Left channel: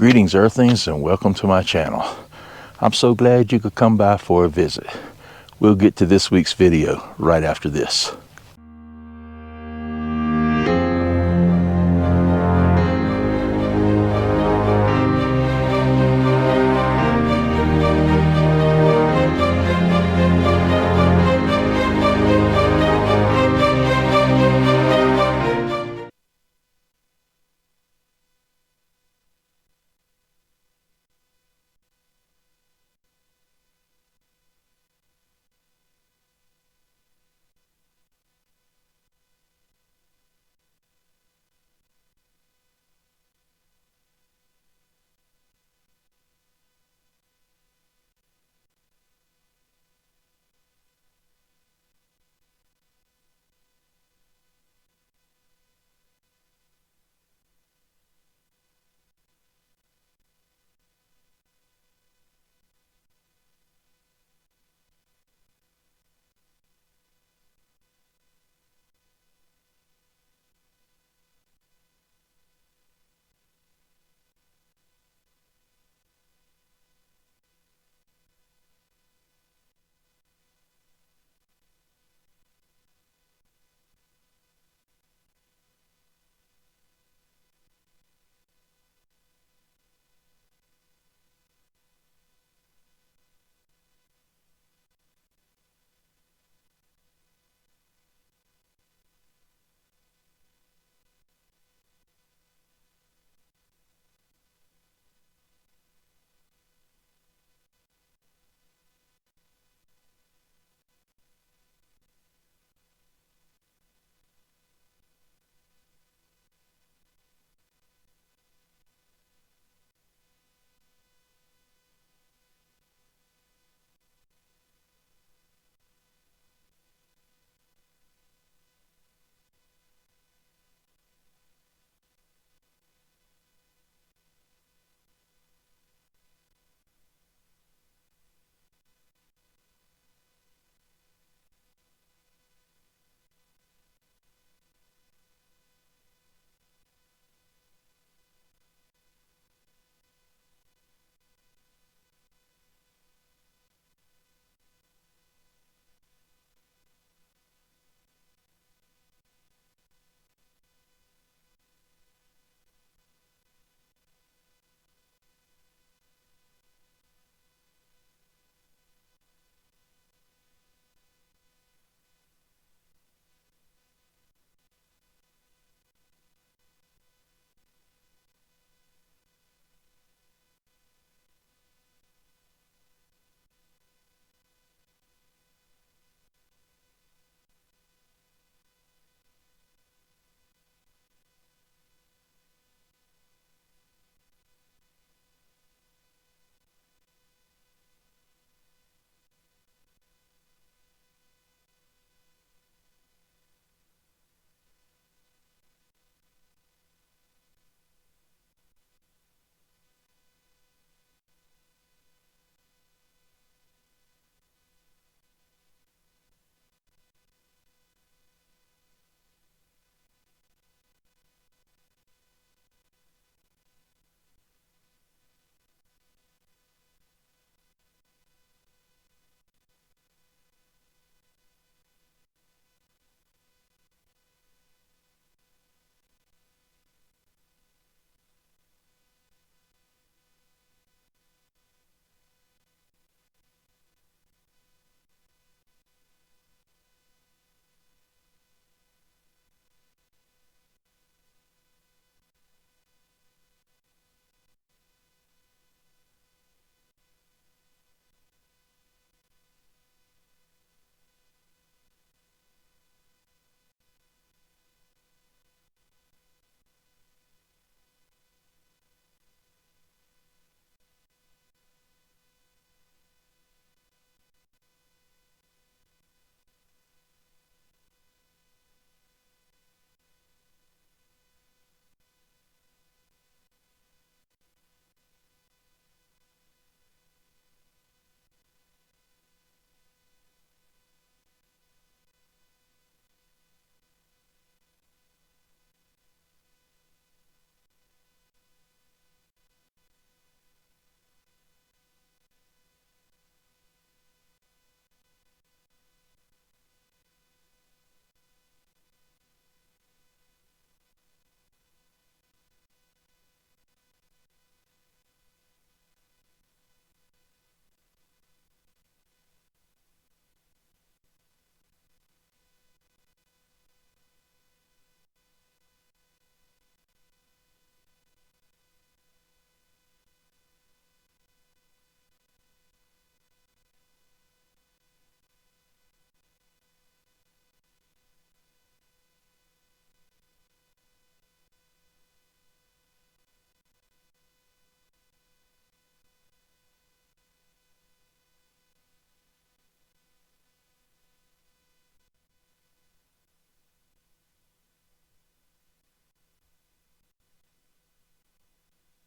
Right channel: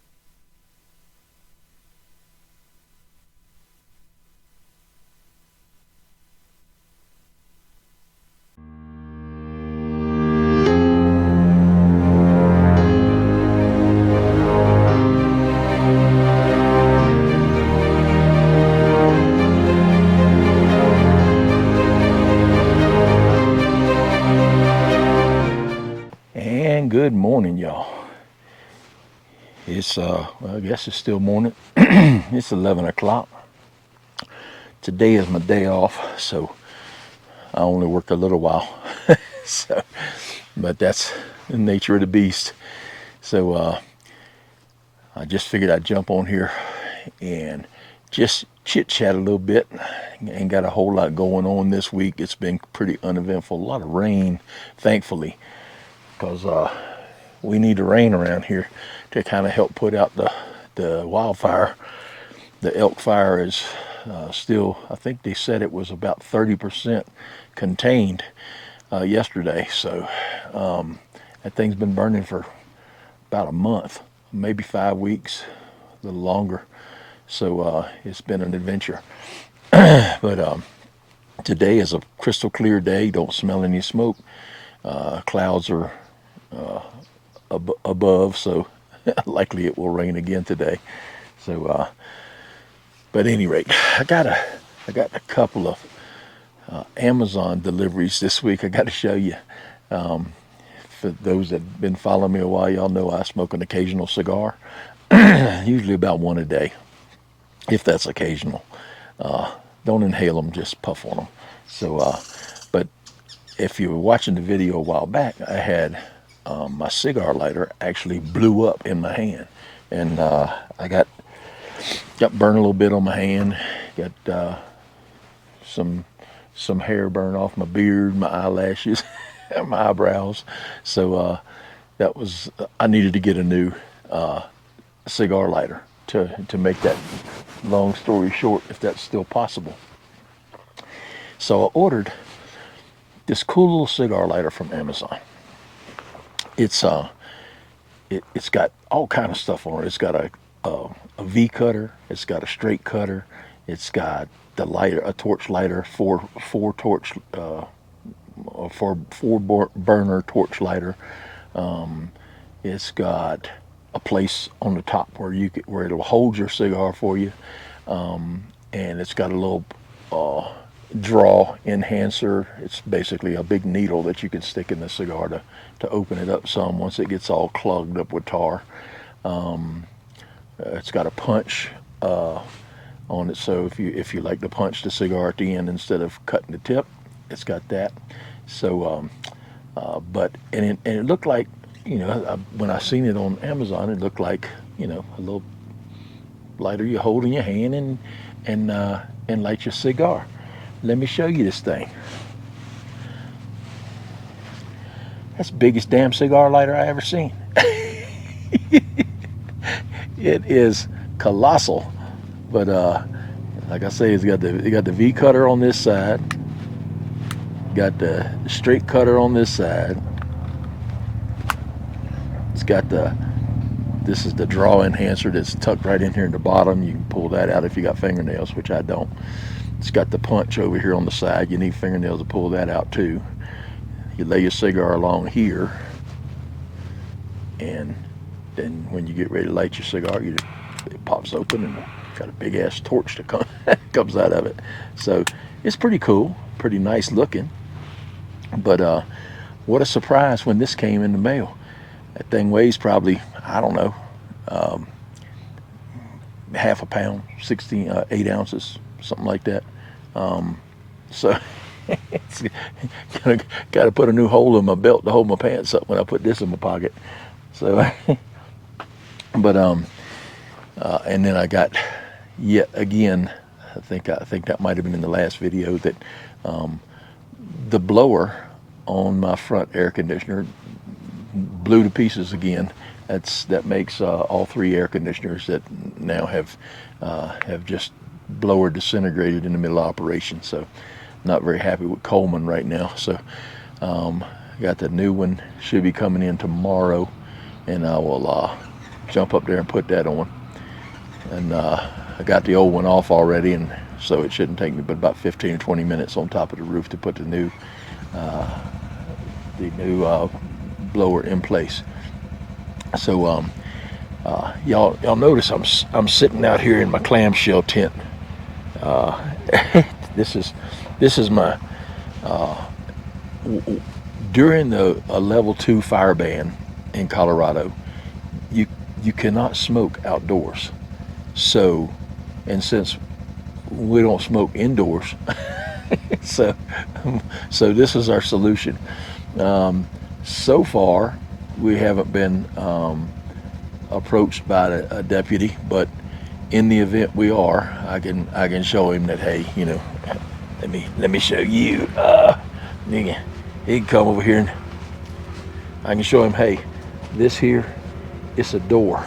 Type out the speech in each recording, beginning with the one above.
Greetings Earthlings and welcome to my channel. I'm so glad you could come by for a visit. We'll get to this week's video right after this. And good morning, y'all. It's well, I guess it's still morning. It's 11 o'clock. Today is my day off, so I only work a little while. But that's the nature of the beast. So I just figured I'd jump on here and just chit chat a little bit. Ain't got a whole lot going on this week. It's been pretty uneventful. A lot of rain, thankfully, because we need the rain around here to kind of help put out the wildfire. The elk fire is still, I think they said it was about 30% contained yesterday. So that thing's been burning for about a month, maybe 5 weeks, a little longer. So it's been an adventure. But today is a crystal clear day. Don't smell any smoke. Clouds are above, so likely it will rain again today. So but at any rate, I got a couple of Amazon deliveries this week I got to show you. For those that have been following me a while, y'all know I smoke an occasional cigar, usually about one a day, if that's occasional. Don't inhale them, just puff on them. So but if you were watching the video a while back, I had my cigar lighter actually blew up in my hand, and I got burned a little bit on my hand, got some hair burned off my beard, my eyelashes, my eyebrows. So that was, I needed to get a new cigar lighter to make that long story short, if that's still possible. So I ordered this cool little cigar lighter from Amazon. It's got all kind of stuff on it. It's got a V cutter. It's got a straight cutter. It's got the lighter, a torch lighter, four burner torch lighter. It's got a place on the top where it'll hold your cigar for you, and it's got a little draw enhancer. It's basically a big needle that you can stick in the cigar to open it up some once it gets all clogged up with tar. It's got a punch on it, so if you like to punch the cigar at the end instead of cutting the tip, it's got that. So but it looked like, when I seen it on Amazon, it looked like, a little lighter you hold in your hand and light your cigar. Let me show you this thing. That's the biggest damn cigar lighter I ever seen. It is colossal, but like I say, it got the V cutter on this side, got the straight cutter on this side. It's got this is the draw enhancer that's tucked right in here in the bottom. You can pull that out if you got fingernails, which I don't. It's got the punch over here on the side. You need fingernails to pull that out too. You lay your cigar along here, and then when you get ready to light your cigar, it pops open and got a big ass torch that comes out of it. So it's pretty cool, pretty nice looking. But what a surprise when this came in the mail. That thing weighs probably, I don't know, half a pound, 8 ounces, something like that. So it's got to put a new hole in my belt to hold my pants up when I put this in my pocket. So but and then I got yet again, I think that might have been in the last video, that the blower on my front air conditioner blew to pieces again. That makes all 3 air conditioners that now have just blower disintegrated in the middle of operation. So not very happy with Coleman right now. So got the new one, should be coming in tomorrow, and I will jump up there and put that on. And I got the old one off already, and so it shouldn't take me but about 15 or 20 minutes on top of the roof to put the new blower in place. So y'all notice I'm sitting out here in my clamshell tent. This is my during a level 2 fire ban in Colorado. You cannot smoke outdoors. So, and since we don't smoke indoors, so this is our solution. So far, we haven't been approached by a deputy, but in the event we are, I can show him that, hey, let me show you. He can come over here and I can show him, hey, this here is a door.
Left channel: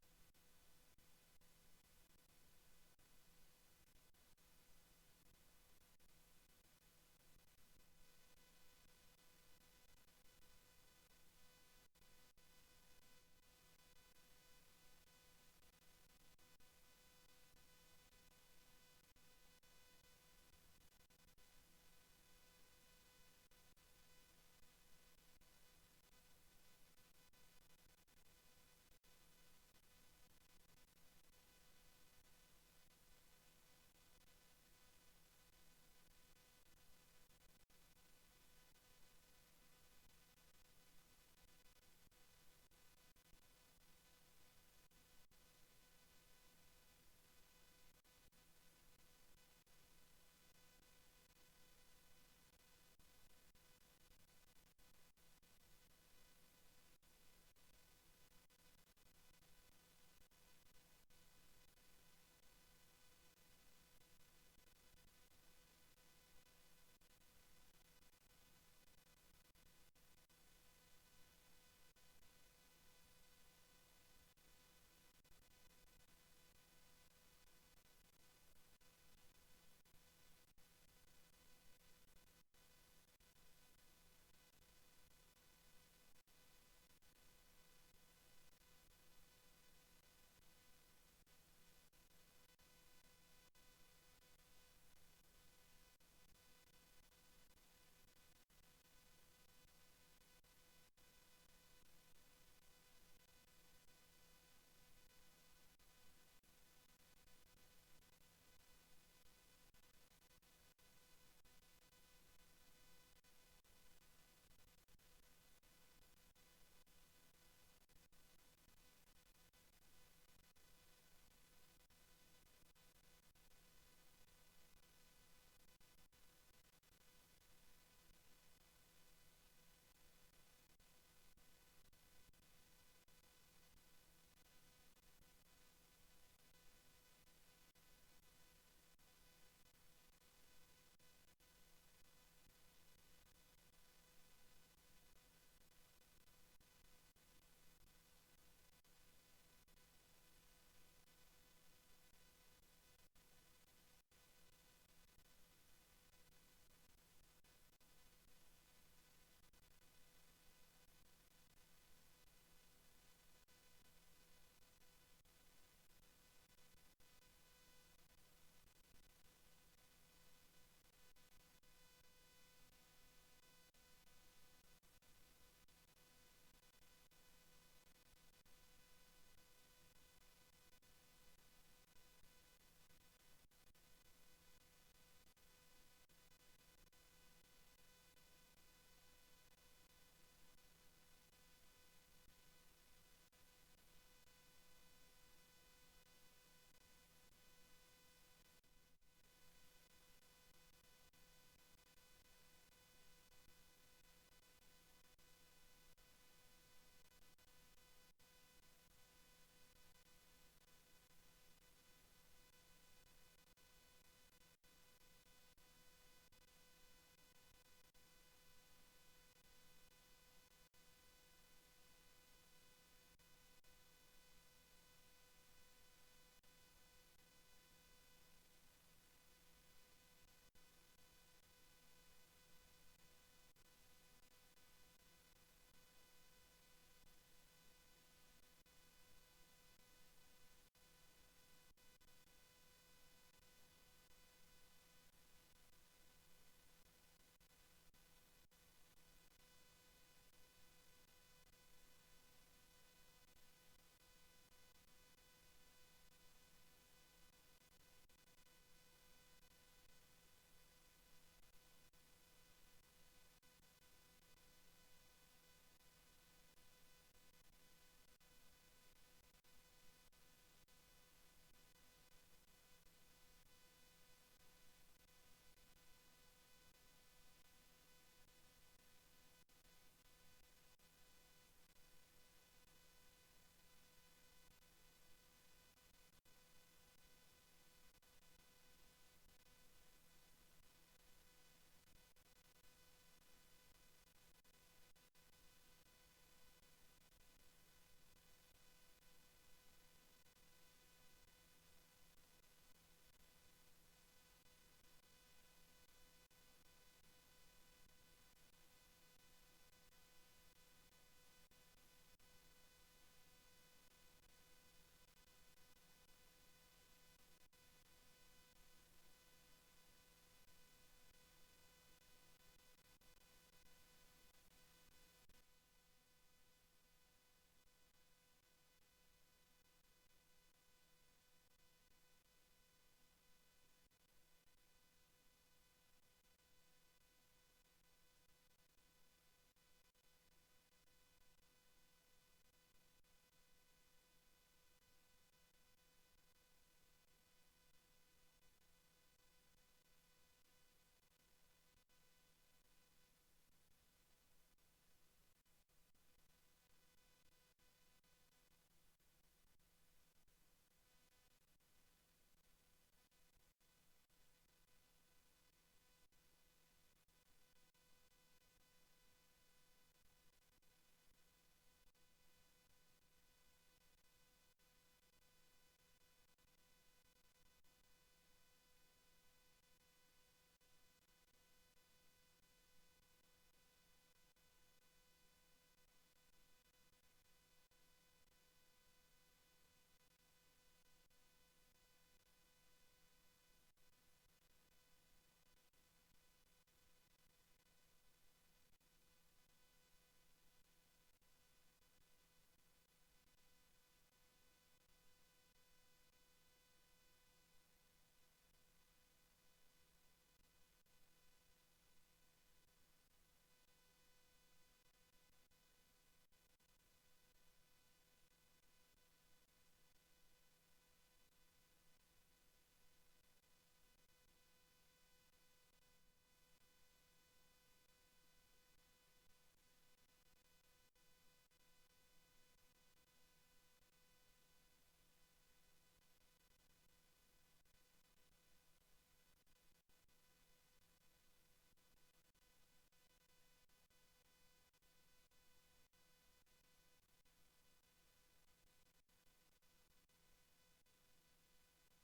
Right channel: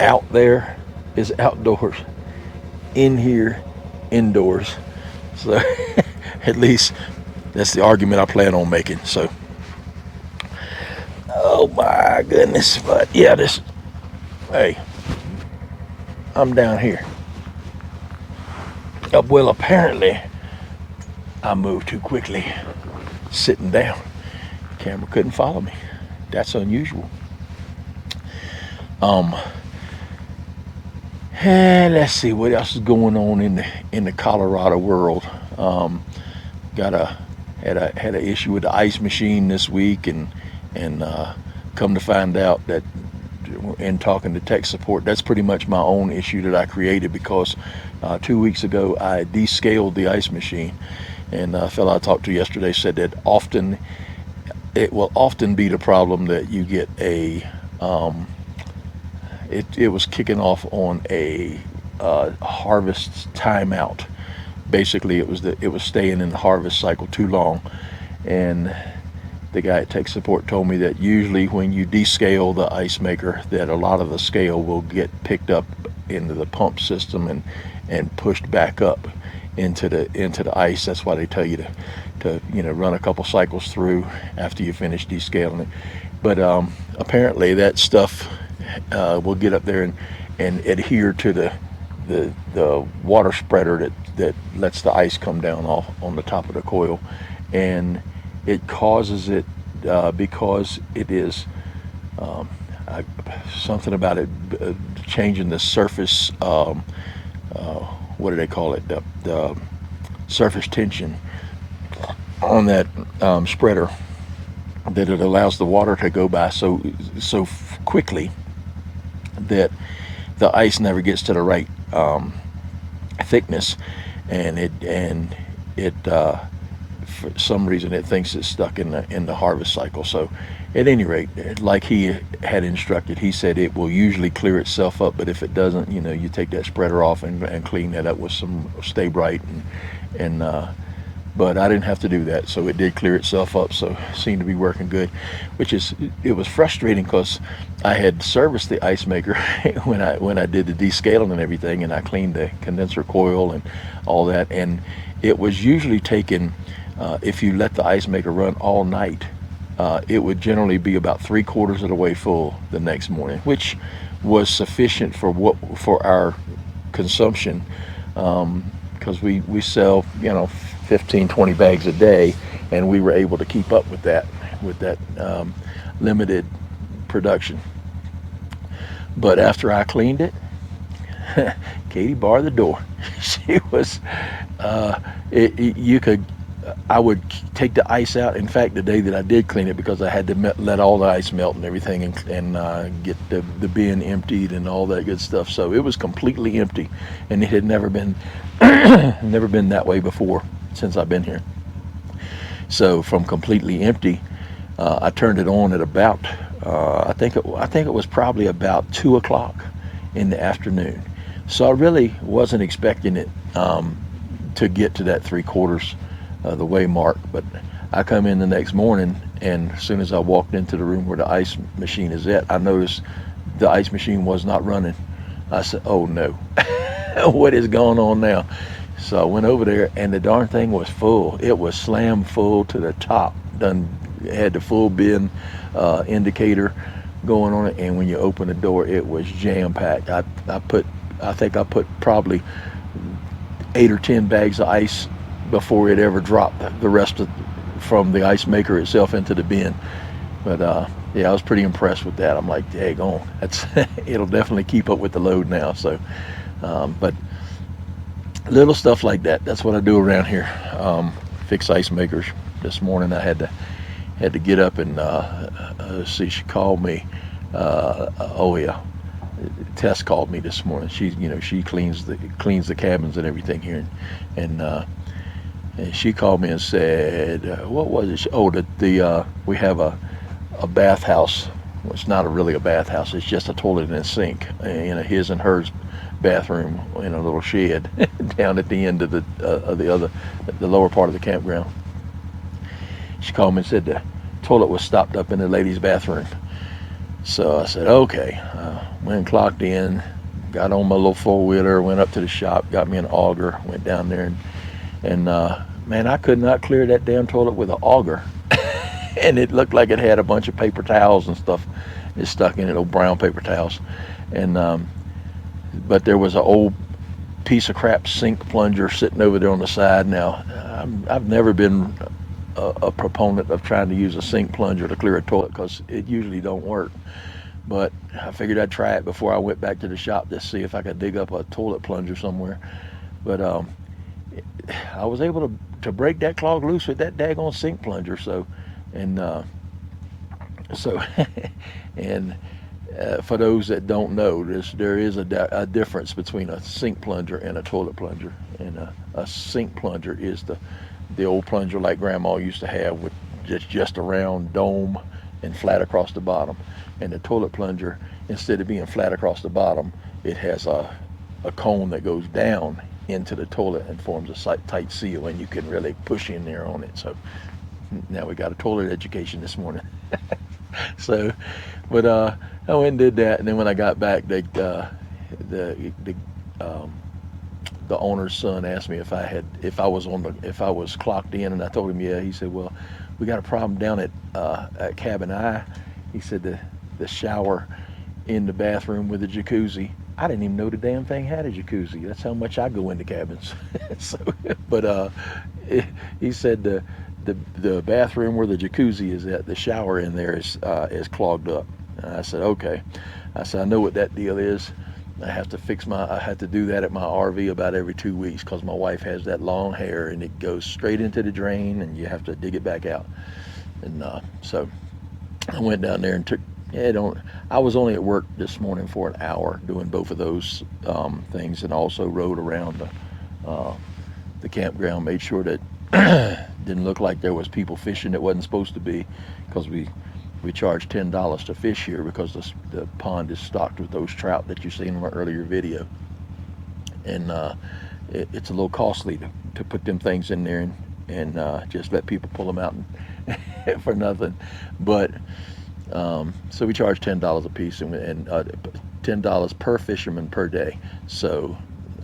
Out there is outdoors. In here, indoors. So at least that's the argument I plan on making. So, oh my goodness. But yeah, hey, I'm down here. Well, apparently I moved too quickly sitting down. The camera couldn't follow me. That's unusual. And let's see what else is going on in the Colorado world. Had an issue with the ice machine this week, and come to find out that in talking to tech support, that's pretty much my own issue that I created, because 2 weeks ago I descaled the ice machine, and a fellow I talked to yesterday said that it will often be the problem that you get a it was kicking off on a harvest timeout. Basically, it was staying in the harvest cycle too long, and the guy at tech support told me that usually when you descale the ice maker, that a lot of the scale will get picked up into the pump system and pushed back up into the ice. That's why they tell you to run a couple cycles through after you finish descaling it. But apparently that stuff will get up there and adhere to the water spreader that lets the ice come down off on the top of the coil, and it causes it because it is something about it changing the surface. What do they call it? The surface tension on that spreader, that it allows the water to go by so quickly that the ice never gets to the right thickness, and it for some reason it thinks it's stuck in the harvest cycle. So at any rate, like he had instructed, he said it will usually clear itself up, but if it doesn't, you take that spreader off and clean that up with some Stay Bright, and but I didn't have to do that, so it did clear itself up, so it seemed to be working good. It was frustrating because I had serviced the ice maker when I did the descaling and everything, and I cleaned the condenser coil and all that, and it was usually taken, if you let the ice maker run all night, it would generally be about 3/4 of the way full the next morning, which was sufficient for our consumption, because we sell 15-20 bags a day, and we were able to keep up with that limited production. But after I cleaned it, Katie barred the door. She was I would take the ice out. In fact, the day that I did clean it, because I had to let all the ice melt and everything, and get the bin emptied and all that good stuff. So it was completely empty, and it had never been that way before since I've been here. So from completely empty, I turned it on at about I think it was probably about 2 o'clock in the afternoon. So I really wasn't expecting it to get to that 3/4 the way mark. But I come in the next morning, and as soon as I walked into the room where the ice machine is at, I noticed the ice machine was not running. I said, oh no, what is going on now? So I went over there, and the darn thing was full. It was slammed full to the top. Had the full bin indicator going on it, and when you open the door, it was jam packed. I think I put probably 8 or 10 bags of ice before it ever dropped the rest of from the ice maker itself into the bin. But yeah, I was pretty impressed with that. I'm like, daggone, that's it'll definitely keep up with the load now. So, but little stuff like that. That's what I do around here. Fix ice makers. This morning I had to get up and see. She called me. Oh yeah, Tess called me this morning. She cleans the cabins and everything here, and she called me and said, what was it? Oh, we have a bathhouse. Well, it's not really a bathhouse. It's just a toilet and a sink in his and hers bathroom in a little shed down at the end of the lower part of the campground. She called me and said the toilet was stopped up in the ladies' bathroom. So I said, okay. Went and clocked in, got on my little four-wheeler, went up to the shop, got me an auger, went down there, and man, I could not clear that damn toilet with an auger. And it looked like it had a bunch of paper towels and stuff is stuck in it, old brown paper towels. And but there was an old piece of crap sink plunger sitting over there on the side. Now, I've never been a proponent of trying to use a sink plunger to clear a toilet because it usually don't work. But I figured I'd try it before I went back to the shop to see if I could dig up a toilet plunger somewhere. But I was able to break that clog loose with that daggone sink plunger. And so and for those that don't know, there is a difference between a sink plunger and a toilet plunger. And a sink plunger is the old plunger like Grandma used to have with just a round dome and flat across the bottom. And the toilet plunger, instead of being flat across the bottom, it has a cone that goes down into the toilet and forms a tight seal, and you can really push in there on it. So now we got a toilet education this morning. So, but I went and did that, and then when I got back, the owner's son asked me if I was clocked in, and I told him yeah. He said, well, we got a problem down at Cabin I. He said the shower in the bathroom with the jacuzzi. I didn't even know the damn thing had a jacuzzi. That's how much I go into cabins. So, but he said the bathroom where the jacuzzi is at, the shower in there is clogged up. And I said, okay. I said, I know what that deal is. I have to do that at my RV about every 2 weeks because my wife has that long hair and it goes straight into the drain and you have to dig it back out. And so I went down there and I was only at work this morning for an hour doing both of those things, and also rode around the campground, made sure that didn't look like there was people fishing that wasn't supposed to be, because we charge $10 to fish here because the pond is stocked with those trout that you seen in my earlier video, and it's a little costly to put them things in there and just let people pull them out for nothing. But so we charge $10 a piece, and $10 per fisherman per day. So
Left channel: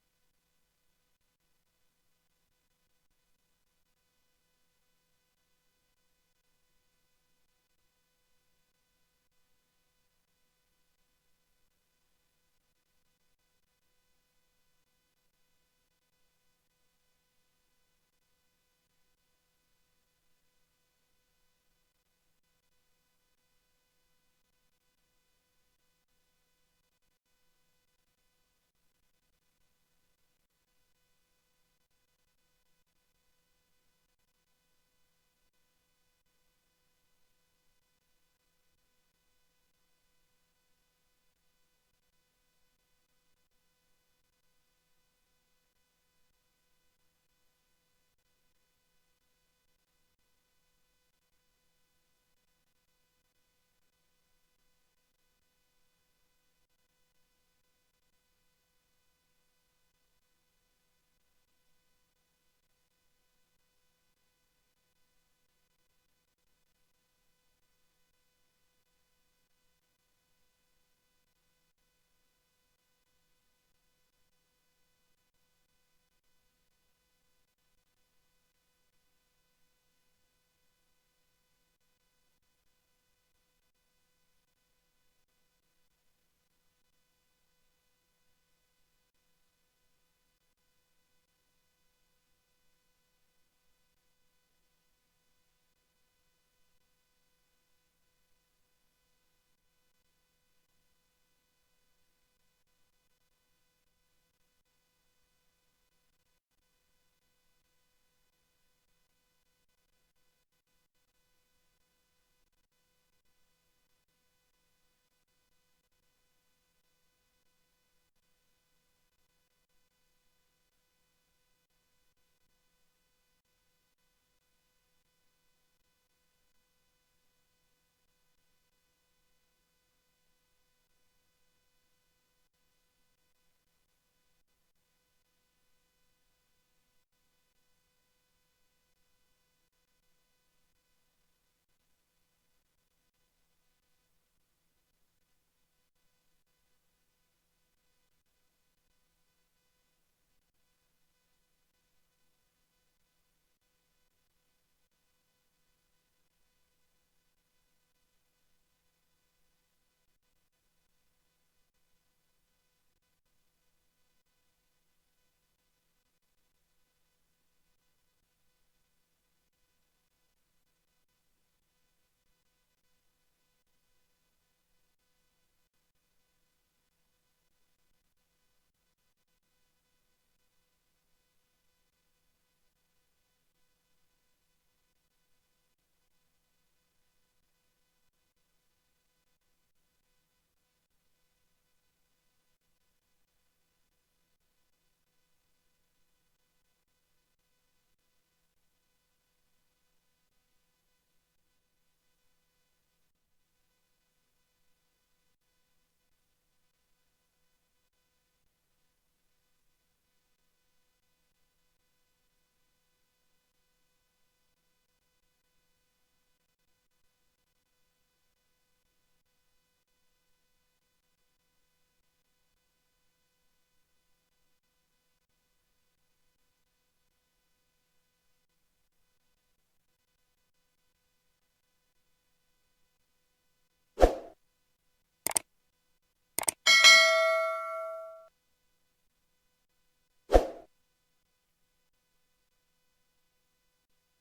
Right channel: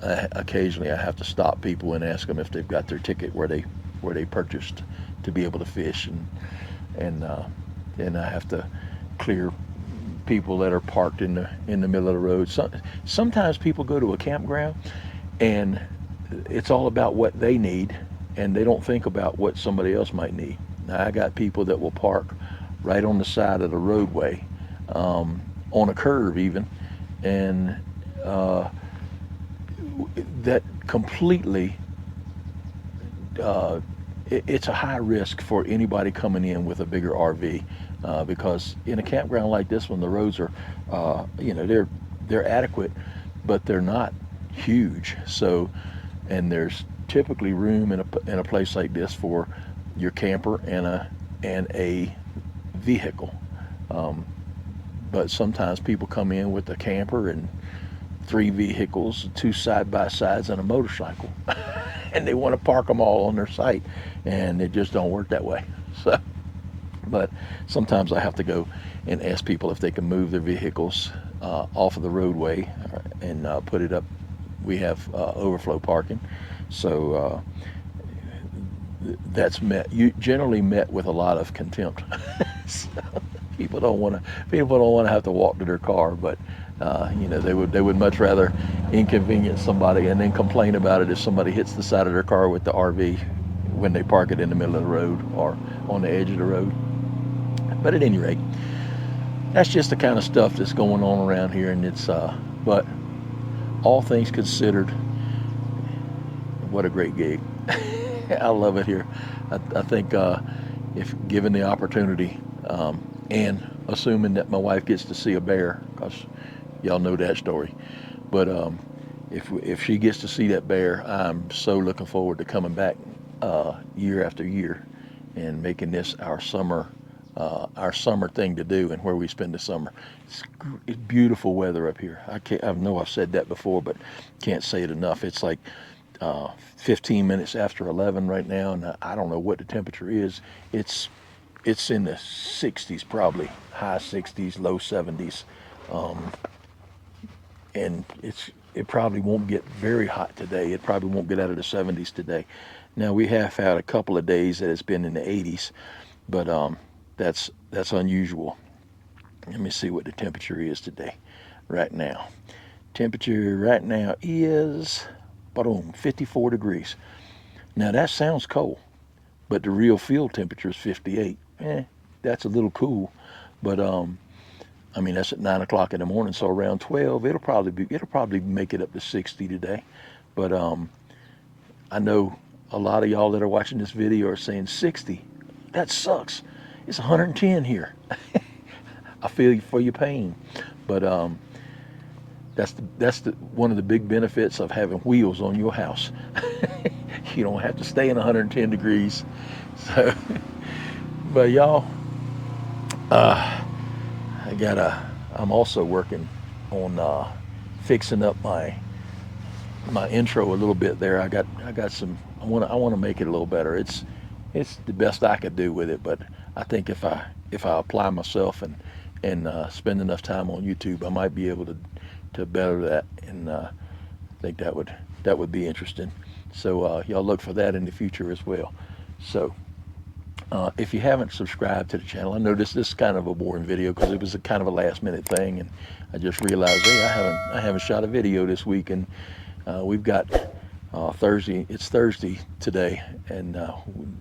occasionally I have to stop people and ask them if they've got their ticket where they purchased to be able to fish, and I have to clear people that are parked in the middle of the road. Sometimes people go to a campground and it's all about what they need, and they don't think about what somebody else might need. Now, I got people that will park right on the side of the roadway, on a curve even, and that completely, it's a high risk for anybody coming in with a bigger RV, because in a campground like this one, the roads are, they're adequate, but they're not huge. So, and there's typically room in a place like this for your camper and a vehicle. But sometimes people come in with a camper and 3 vehicles, 2 side-by-sides, and a motorcycle, and they want to park them all on their site, and it just don't work that way. So, but sometimes I have to go and ask people if they can move their vehicles off of the roadway and put it up. We have overflow parking, so that's generally met with a lot of contempt. So, People don't want to have to walk to their car, but you know, they would much rather inconvenience somebody and then complain about it if somebody hits the side of their car with the RV when they park it in the middle of the road or on the edge of the road. But at any rate, that's just the kind of stuff that's going on around here, and it's but all things considered, what a great gig. I love it here. I think if given the opportunity, and assuming that my wife gets to see a bear, because y'all know that story, but if she gets to see that bear, I'm so looking forward to coming back year after year and making this our summer thing to do and where we spend the summer. It's beautiful weather up here. I know I've said that before, but can't say it enough. It's like 15 minutes after 11 right now, and I don't know what the temperature is. It's in the 60s, probably high 60s, low 70s, and it probably won't get very hot today. It probably won't get out of the 70s today. Now we have had a couple of days that it's been in the 80s, but that's unusual. Let me see what the temperature is today, right now. Temperature right now is, boom, 54 degrees. Now that sounds cold, but the real field temperature is 58. That's a little cool, but I mean that's at 9 o'clock in the morning. So around 12, it'll probably make it up to 60 today. But I know a lot of y'all that are watching this video are saying 60. That sucks. It's 110 here. I feel you for your pain, but that's one of the big benefits of having wheels on your house. You don't have to stay in 110 degrees. So, but y'all, I'm also working on fixing up my intro a little bit there. I got some. I want to make it a little better. It's the best I could do with it, but I think if I apply myself and spend enough time on YouTube, I might be able to better that, and I think that would be interesting. So y'all look for that in the future as well. So if you haven't subscribed to the channel, I know this is kind of a boring video because it was a kind of a last minute thing, and I just realized, hey, I haven't shot a video this week, and we've got Thursday. It's Thursday today, and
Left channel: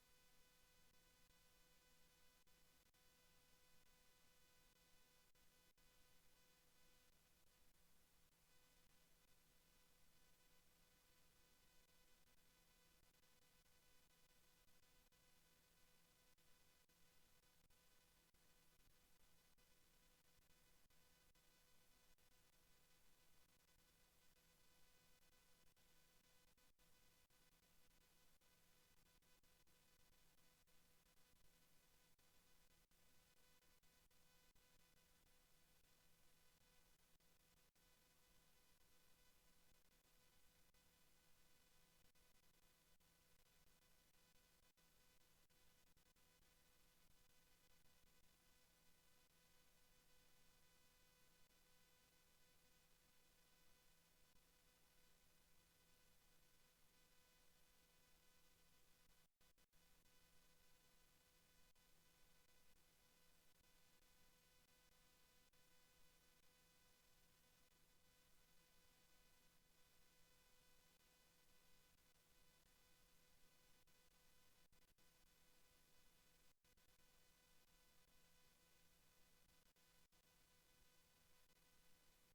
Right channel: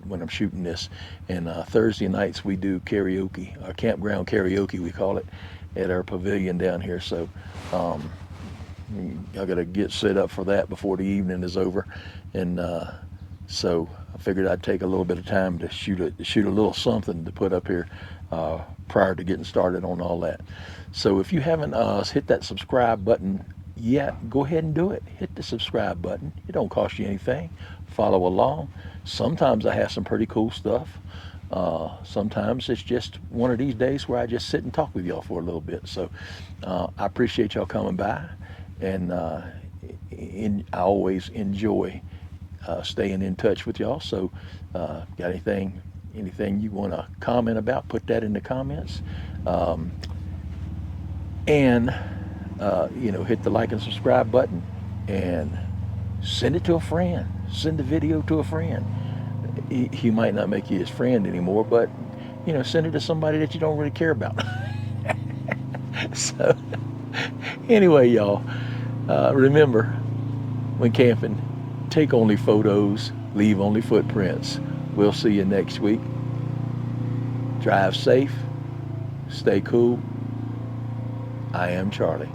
when I'm shooting this, and Thursday nights we do karaoke, campground karaoke we call it, at our pavilion down here. So I got to get set up for that before the evening is over, and so I figured I'd take a little bit of time to shoot a little something to put up here prior to getting started on all that. So if you haven't hit that subscribe button yet, go ahead and do it. Hit the subscribe button. It don't cost you anything. Follow along. Sometimes I have some pretty cool stuff. Sometimes it's just one of these days where I just sit and talk with y'all for a little bit. So I appreciate y'all coming by, and I always enjoy staying in touch with y'all. So got anything you want to comment about, put that in the comments, and hit the like and subscribe button, and send it to a friend. Send the video to a friend. He might not make you his friend anymore, but send it to somebody that you don't really care about. So anyway, y'all, remember, when camping, take only photos, leave only footprints. We'll see you next week. Drive safe, stay cool. I am Charlie.